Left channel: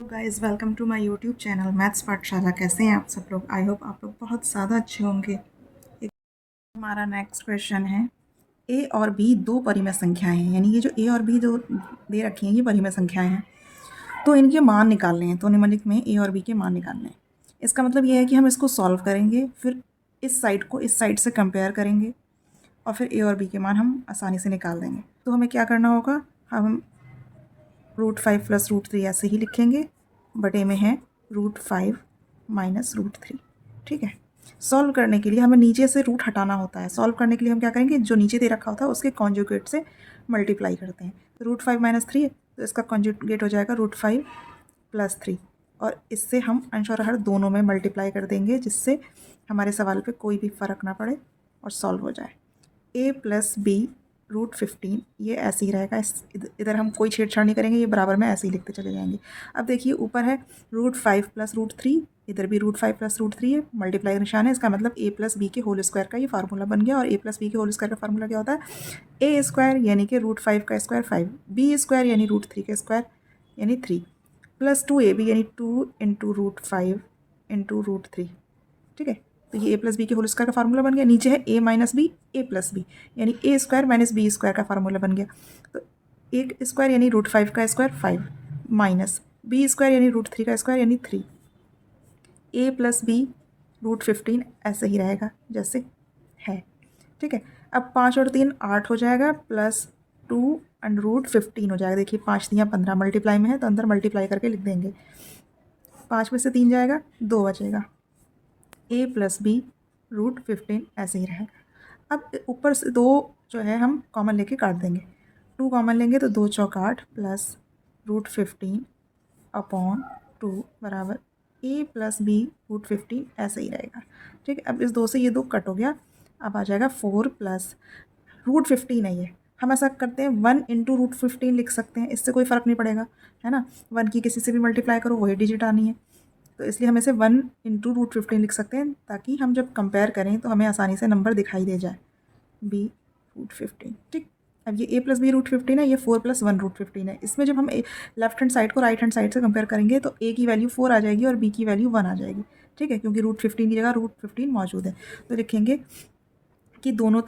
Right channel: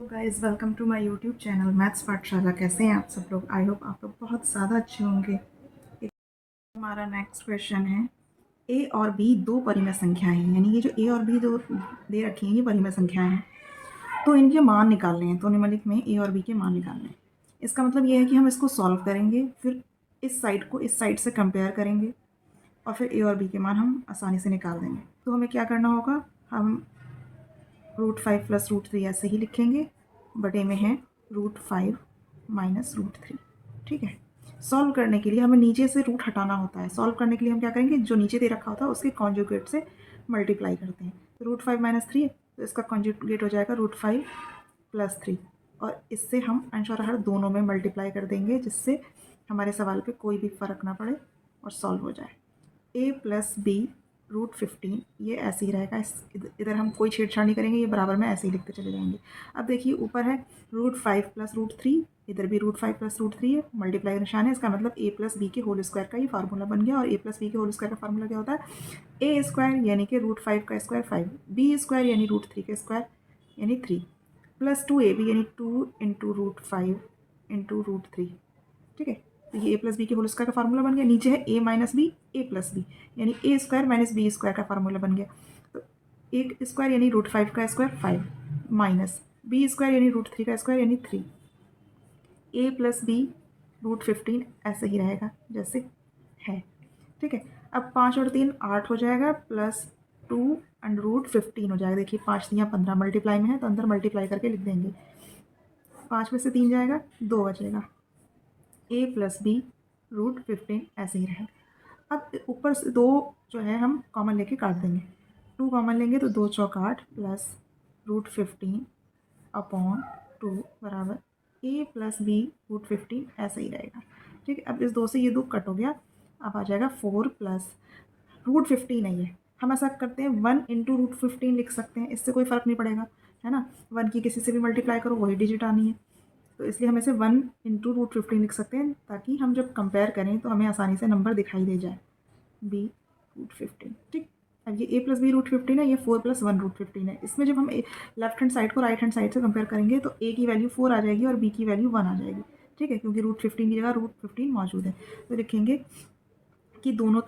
Guys welcome to my YouTube channel maths Pathshala. कैसे हैं आप सब लोग? आई होप आप लोग बहुत ज़्यादा अच्छे होंगे। एक हमारा नेक्स्ट क्वेश्चन है, ए और बी दो परिमेय संख्याएं हैं, यानी ये जो ए और बी जो दे रखी हैं ये परिमेय संख्याएं हैं, तो इनके मान निकालने हैं। तो निम्नलिखित में ए और बी के मान निकालने हैं। इसका मतलब ये है कि हम इसको सॉल्व करेंगे, फिर इस साइड को इस साइड से कंपेयर करेंगे और फिर ए और बी के मान हम आसानी से निकाल देंगे। तो हमें क्या करना होगा, हम √5 + √3 ऐसे ही लिखेंगे, बटे में है √5 - √3। ठीक है। सॉल्व करने के लिए हमें नीचे से रूट हटाना होता है। सॉल्व करने के लिए हम क्या करेंगे, जो नीचे दे रखा होता है उसके कॉन्जुगेट से मल्टीप्लाई करते हैं। तो √5 - 3, तो इसका कॉन्जुगेट हो जाएगा √5 + 3, और इससे हम अंश और हर दोनों में मल्टीप्लाई कर देंगे, जिससे हमारे सवाल पे कोई भी फ़र्क ना पड़े और सॉल्व हो जाए। a + b √15 ये ऐसे ही रहेगा। इधर हम कोई छेड़छाड़ नहीं करेंगे, ये बराबर में ऐसे ही लिखते चले जाएंगे। अब देखिए ऊपर है √5 + √3, इधर भी √5 + √3 है, मल्टीप्लाई का निशान है। इसका मतलब a + b के होल स्क्वायर का ये फार्मूला बन गया। और a + b के होल स्क्वायर का फार्मूला क्या होता है, a² यानी कि √5 का स्क्वायर 5, b² यानी √3 का स्क्वायर यानी 3, + 2ab यानी 2 × √5 × √3। ठीक है। तो ये a + b के होल स्क्वायर का फार्मूला बन गया। नीचे है a - b a + b यानी a² - b² का फार्मूला बन गया। तो a स्क्वायर यानी √5 का स्क्वायर 5, माइनस b² यानी √3 का स्क्वायर यानी 3, a + b √15 ऐसे ही रहेगा जैसे है। ठीक है। अब 5 और 3 8 हो जाएगा, +2 √15 हो जाएगा। देखिए 5 × 15 मल्टीप्लाई में है, तो अंदर मल्टीप्लाई करके लिख देंगे। 5 में से 3 जाएगा, 2 बचेगा। a + b √15 ऐसे ही रहेगा। अब ऊपर से 2 जो है हम कॉमन लेके काट देंगे। 2 कॉमन लेंगे तो 2 चौक 8 + √15 अपॉन 2 बराबर a + b √15 ऐसे ही रहेगा। ठीक है। अब इस 2 से ये 2 कट हो गया। अब आ जाएगा 4 + √15 है ये। हम ऐसा करते हैं 1 × √15 लिख सकते हैं, इससे कोई फ़र्क नहीं पड़ेगा, है ना। 1 की किसी से भी मल्टीप्लाई करो वही डिजिट आनी है, तो इसलिए हम इसे 1 × √15 लिख सकते हैं, ताकि हम जब कंपेयर करें तो हमें आसानी से नंबर दिखाई दे जाए। b √15। ठीक। अब ये a + b √15 है, ये 4 + 1 √15 है। इसमें जब हम लेफ्ट हैंड साइड को राइट हैंड साइड से कंपेयर करेंगे तो a की वैल्यू 4 आ जाएगी और b की वैल्यू 1 आ जाएगी। ठीक है, क्योंकि √15 की जगह √15 मौजूद है। तो लिखेंगे कि दोनों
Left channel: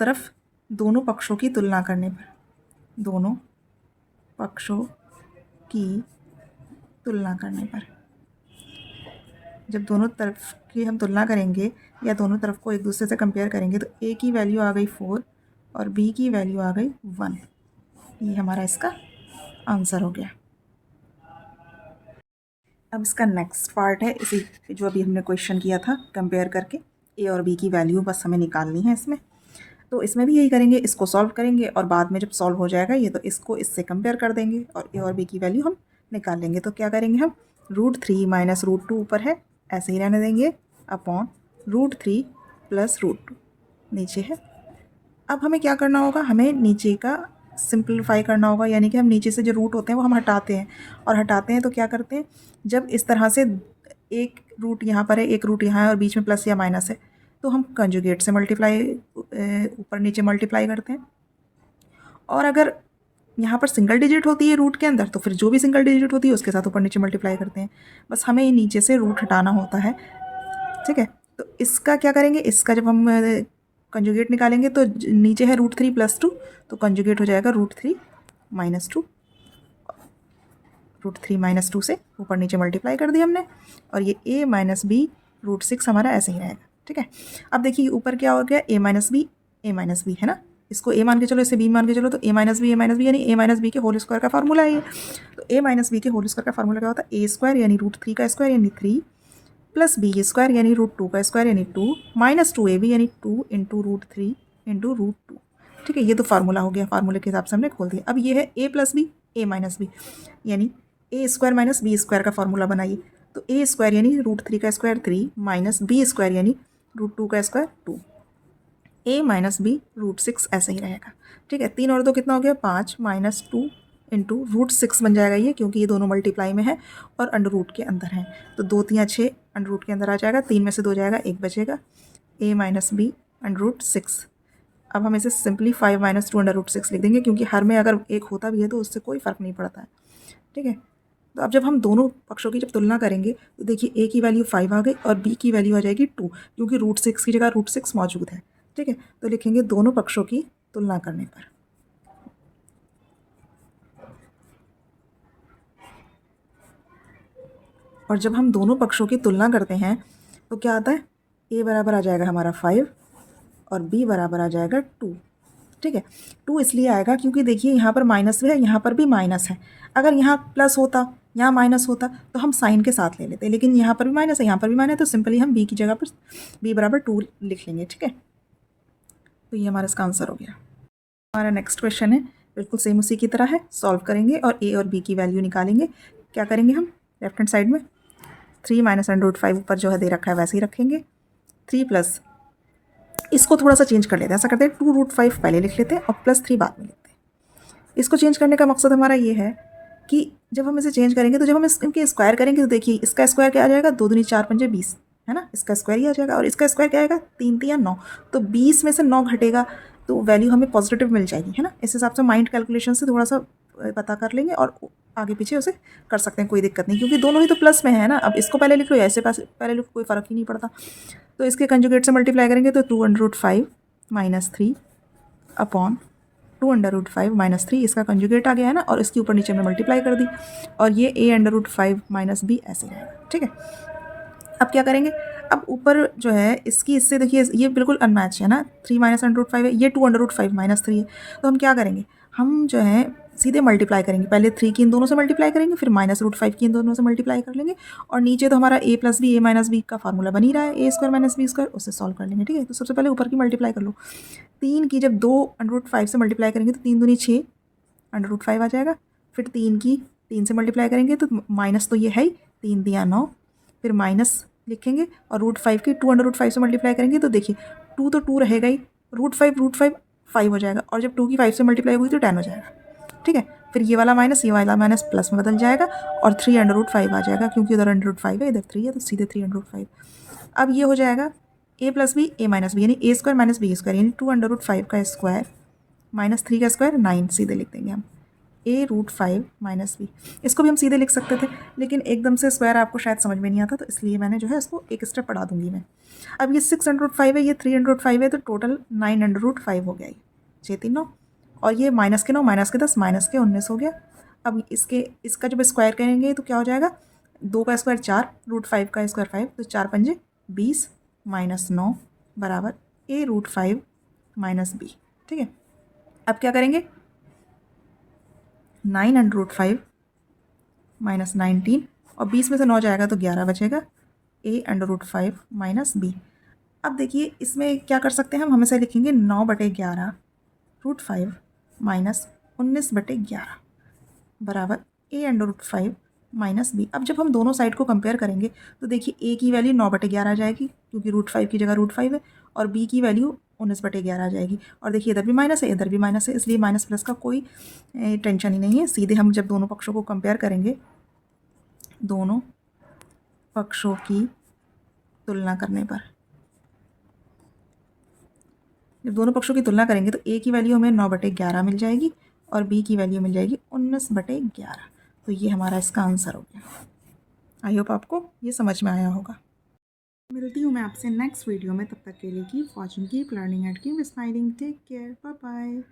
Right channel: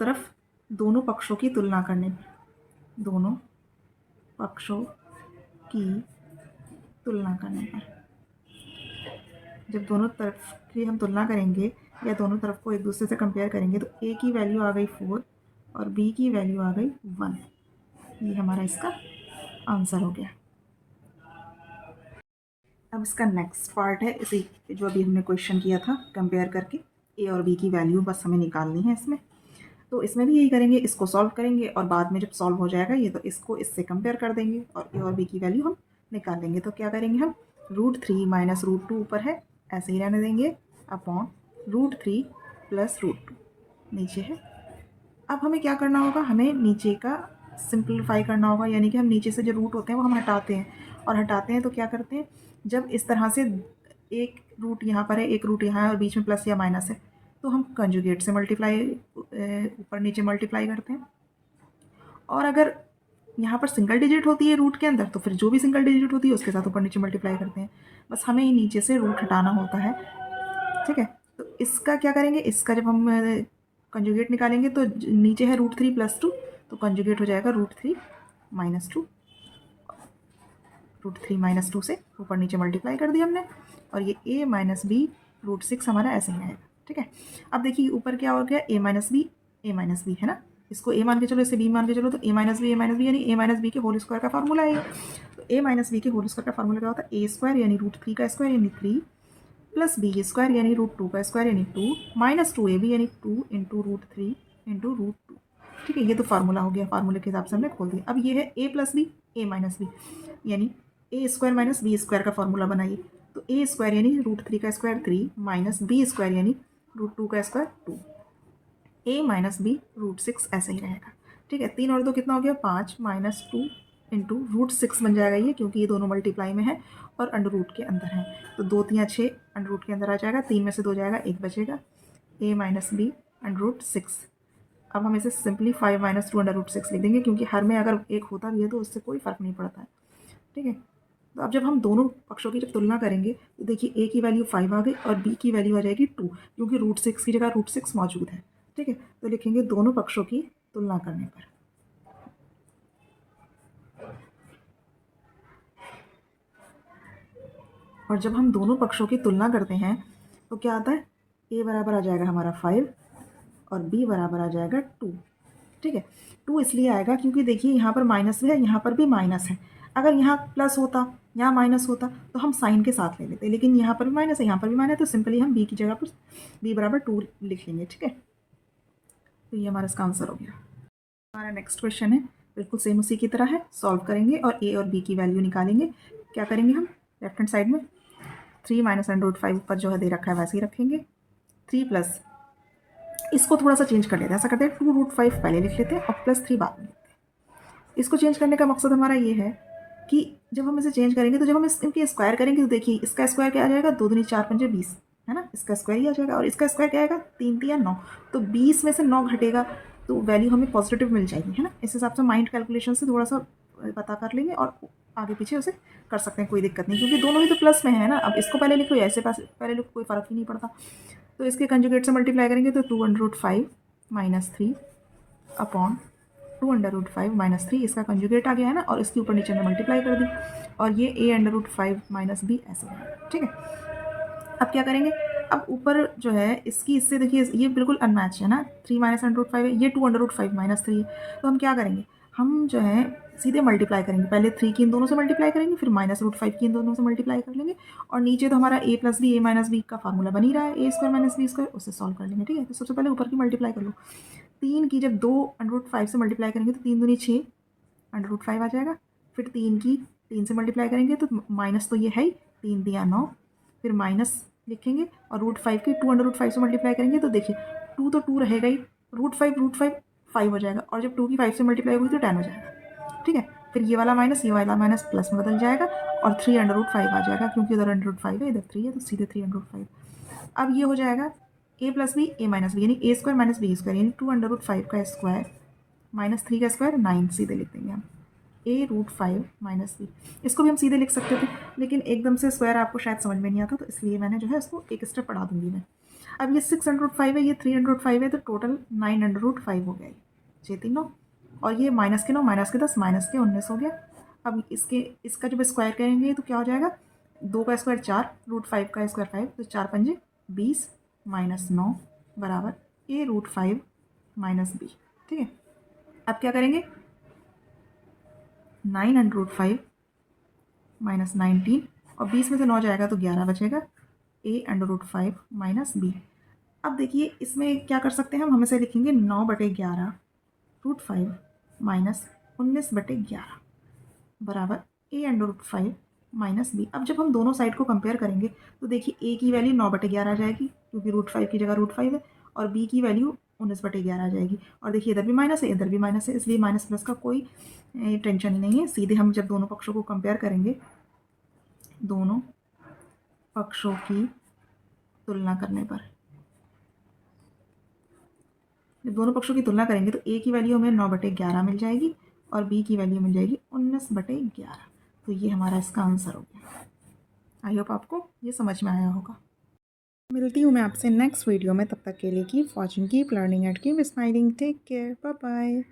पक्षों की तुलना करने पर, दोनों पक्षों की तुलना करने पर, जब दोनों तरफ की हम तुलना करेंगे या दोनों तरफ को एक दूसरे से कंपेयर करेंगे, तो a की वैल्यू आ गई 4 और b की वैल्यू आ गई 1। ये हमारा इसका आंसर हो गया। अब इसका नेक्स्ट पार्ट है, इसी जो अभी हमने क्वेश्चन किया था कंपेयर करके, a और b की वैल्यू बस हमें निकालनी है इसमें। तो इसमें भी यही करेंगे, इसको सॉल्व करेंगे और बाद में जब सॉल्व हो जाएगा ये, तो इसको इससे कंपेयर कर देंगे और a और b की वैल्यू हम निकाल लेंगे। तो क्या करेंगे हम, √3 - √2 ऊपर है ऐसे ही रहने देंगे, अपॉन √3 + √2 नीचे है। अब हमें क्या करना होगा, हमें नीचे का सिंप्लीफाई करना होगा, यानी कि हम नीचे से जो रूट होते हैं वो हम हटाते हैं, और हटाते हैं तो क्या करते हैं, जब इस तरह से एक रूट यहाँ पर है, एक रूट यहाँ है और बीच में प्लस या माइनस है, तो हम कंजुगेट से मल्टीप्लाई ऊपर नीचे मल्टीप्लाई करते हैं। और अगर यहाँ पर सिंगल डिजिट होती है रूट के अंदर, तो फिर जो भी सिंगल डिजिट होती है उसके साथ ऊपर नीचे मल्टीप्लाई करते हैं। बस हमें नीचे से रूट हटाना होता है। ठीक है। तो इसका क्या करेंगे, इसका जब हम कंजुगेट निकालेंगे तो नीचे है √3 + 2, तो कंजुगेट हो जाएगा √3 - 2, √3 - 2 से ऊपर नीचे मल्टीप्लाई कर दिया हमने, और ये a - b √6 हमारा ऐसे ही रहेगा। ठीक है। अब देखिए ऊपर क्या हो गया, a - b है ना, इसको a मान के चलो, इसे b मान के चलो, तो a - b यानी a - b के होल स्क्वायर का फार्मूला है ये। तो a - b के होल स्क्वायर का फार्मूला क्या होता है, a² यानी √3 का स्क्वायर यानी 3, + b² यानी √2 का स्क्वायर यानी 2, - 2ab यानी 2 × √3 × √2। ठीक है, ये तो फार्मूला हो गया, फार्मूले के हिसाब से हमने खोल दिया। अब ये है a + b a - b यानी a² - b² का फार्मूला बनाइए। तो a² यानी √3 का स्क्वायर 3, -b² यानी √2 का स्क्वायर 2, a - b √6 ऐसे ही रहेगा। ठीक है। 3 और 2 कितना हो गया, 5, -2 × √6 बन जाएगा ये, क्योंकि ये दोनों मल्टीप्लाई में है और अंडर रूट के अंदर है। तो 2 × 6 अंडर रूट के अंदर आ जाएगा, 3 में से 2 जाएगा, 1 बचेगा, a - b √6। अब हम इसे सिंपली 5 - 2 √6 लिख देंगे, क्योंकि हर में अगर एक होता भी है तो उससे कोई फ़र्क नहीं पड़ता है। ठीक है। तो अब जब हम दोनों पक्षों की जब तुलना करेंगे तो देखिए ए की वैल्यू 5 आ गई और बी की वैल्यू आ जाएगी 2, क्योंकि √6 की जगह √6 मौजूद है। ठीक है, तो लिखेंगे दोनों पक्षों की तुलना करने पर। और जब हम दोनों पक्षों की तुलना करते हैं तो क्या आता है, ए बराबर आ जाएगा हमारा 5 और बी बराबर आ जाएगा 2। ठीक है, 2 इसलिए आएगा क्योंकि देखिए यहाँ पर माइनस है, यहाँ पर भी माइनस है। अगर यहाँ प्लस होता, यहाँ माइनस होता तो हम साइन के साथ ले लेते, लेकिन यहाँ पर भी माइनस है, यहाँ पर भी माइनस है, तो सिंपली हम बी की जगह पर बी बराबर 2 लिख लेंगे। ठीक है, तो ये हमारा इसका आंसर हो गया। हमारा नेक्स्ट क्वेश्चन है, बिल्कुल सेम उसी की तरह है, सॉल्व करेंगे और ए और बी की वैल्यू निकालेंगे। क्या करेंगे हम, लेफ्ट हैंड साइड में 3 माइनस √5 ऊपर जो है दे रखा है वैसे ही रखेंगे, 3 प्लस, इसको थोड़ा सा चेंज कर लेते हैं, ऐसा करते हैं 2√5 पहले लिख लेते हैं और +3 बाद में लिखते हैं। इसको चेंज करने का मकसद हमारा ये है कि जब हम इसे चेंज करेंगे तो जब हम इनके स्क्वायर करेंगे तो देखिए इसका स्क्वायर क्या आ जाएगा, 2 दूनी 4 पंजे 20, है ना, इसका स्क्वायर ही आ जाएगा, और इसका स्क्वायर क्या आएगा 3 3 9, तो 20 में से 9 घटेगा तो वैल्यू हमें पॉजिटिव मिल जाएगी, है ना। इस हिसाब से माइंड कैलकुलेशन से थोड़ा सा पता कर लेंगे और आगे पीछे उसे कर सकते हैं, कोई दिक्कत नहीं, क्योंकि दोनों ही तो प्लस में है ना। अब इसको पहले लिख लो, ऐसे पास पहले लिख, कोई फ़र्क ही नहीं पड़ता। तो इसके कंजुगेट से मल्टीप्लाई करेंगे तो 2√5 - 3 अपॉन 2√5 - 3, इसका कंजुगेट आ गया है ना, और इसके ऊपर नीचे में मल्टीप्लाई कर दी, और ये a√5 - b ऐसे रहेगा। ठीक है, अब क्या करेंगे, अब ऊपर जो है इसकी इससे देखिए ये बिल्कुल अनमैच है ना, 3 माइनस √5 है, ये 2√5 - 3 है, तो हम क्या करेंगे, हम जो है सीधे मल्टीप्लाई करेंगे, पहले 3 की इन दोनों से मल्टीप्लाई करेंगे, फिर -√5 की इन दोनों से मल्टीप्लाई कर लेंगे, और नीचे तो हमारा a + b a - b का फार्मूला बन ही रहा है, a² - b², उससे सॉल्व कर लेंगे। ठीक है, तो सबसे पहले ऊपर की मल्टीप्लाई कर लो, 3 की जब 2√5 से मल्टीप्लाई करेंगे तो 3 दूनी 6, √5 आ जाएगा, फिर 3 की 3 से मल्टीप्लाई करेंगे तो माइनस तो ये है ही, 3 दिया 9, फिर माइनस लिखेंगे, और √5 की 2√5 से मल्टीप्लाई करेंगे तो देखिए 2 तो 2 रहेगा ही, √5 5 हो जाएगा, और जब 2 की 5 से मल्टीप्लाई हुई तो 10 हो जाएगा। ठीक है, फिर ये वाला माइनस प्लस में बदल जाएगा, और 3√5 आ जाएगा, क्योंकि उधर √5 है इधर 3 है, तो सीधे 3√5। अब ये हो जाएगा a + b a - b, यानी a² - b², यानी 2√5 का स्क्वायर -3 का स्क्वायर 9, सीधे लिख देंगे हम a√5 - b। इसको भी हम सीधे लिख सकते थे, लेकिन एकदम से स्क्वायर आपको शायद समझ में नहीं आता, तो इसलिए मैंने जो है इसको एक स्टेप बढ़ा दूंगी मैं। अब ये 6√5 है, ये 3√5 है, तो टोटल 9√5 हो गया, ये 6 3 9, और ये माइनस के 9 माइनस के 10 माइनस के 19 हो गया। अब इसका जब स्क्वायर करेंगे तो क्या हो जाएगा, 2 का स्क्वायर 4, √5 का स्क्वायर 5, तो 4 पंजे 20 -9 बराबर a√5 - b। ठीक है, अब क्या करेंगे, 9√5 - 19, और 20 में से 9 जाएगा तो 11 बचेगा, a√5 - b। अब देखिए इसमें क्या कर सकते हैं, हम हमेशा लिखेंगे 9/11 √5 - 19/11 बराबर a√5 - b। अब जब हम दोनों साइड को कंपेयर करेंगे तो देखिए a की वैल्यू 9/11 आ जाएगी, क्योंकि √5 की जगह √5 है, और b की वैल्यू 19/11 आ जाएगी, और देखिए इधर भी माइनस है इधर भी माइनस है, इसलिए माइनस प्लस का कोई टेंशन ही नहीं है। सीधे हम जब दोनों पक्षों को कंपेयर करेंगे, दोनों पक्षों की तुलना करने पर, जब दोनों पक्षों की तुलना करेंगे तो a की वैल्यू हमें 9/11 मिल जाएगी, और b की वैल्यू मिल जाएगी 19/11। तो ये हमारा इसका आंसर हो गया। आई होप आपको ये समझ में आया होगा। मिलती हूँ मैं आपसे नेक्स्ट वीडियो में, तब तक के लिए keep watching, keep learning and keep smiling. Take care, bye bye.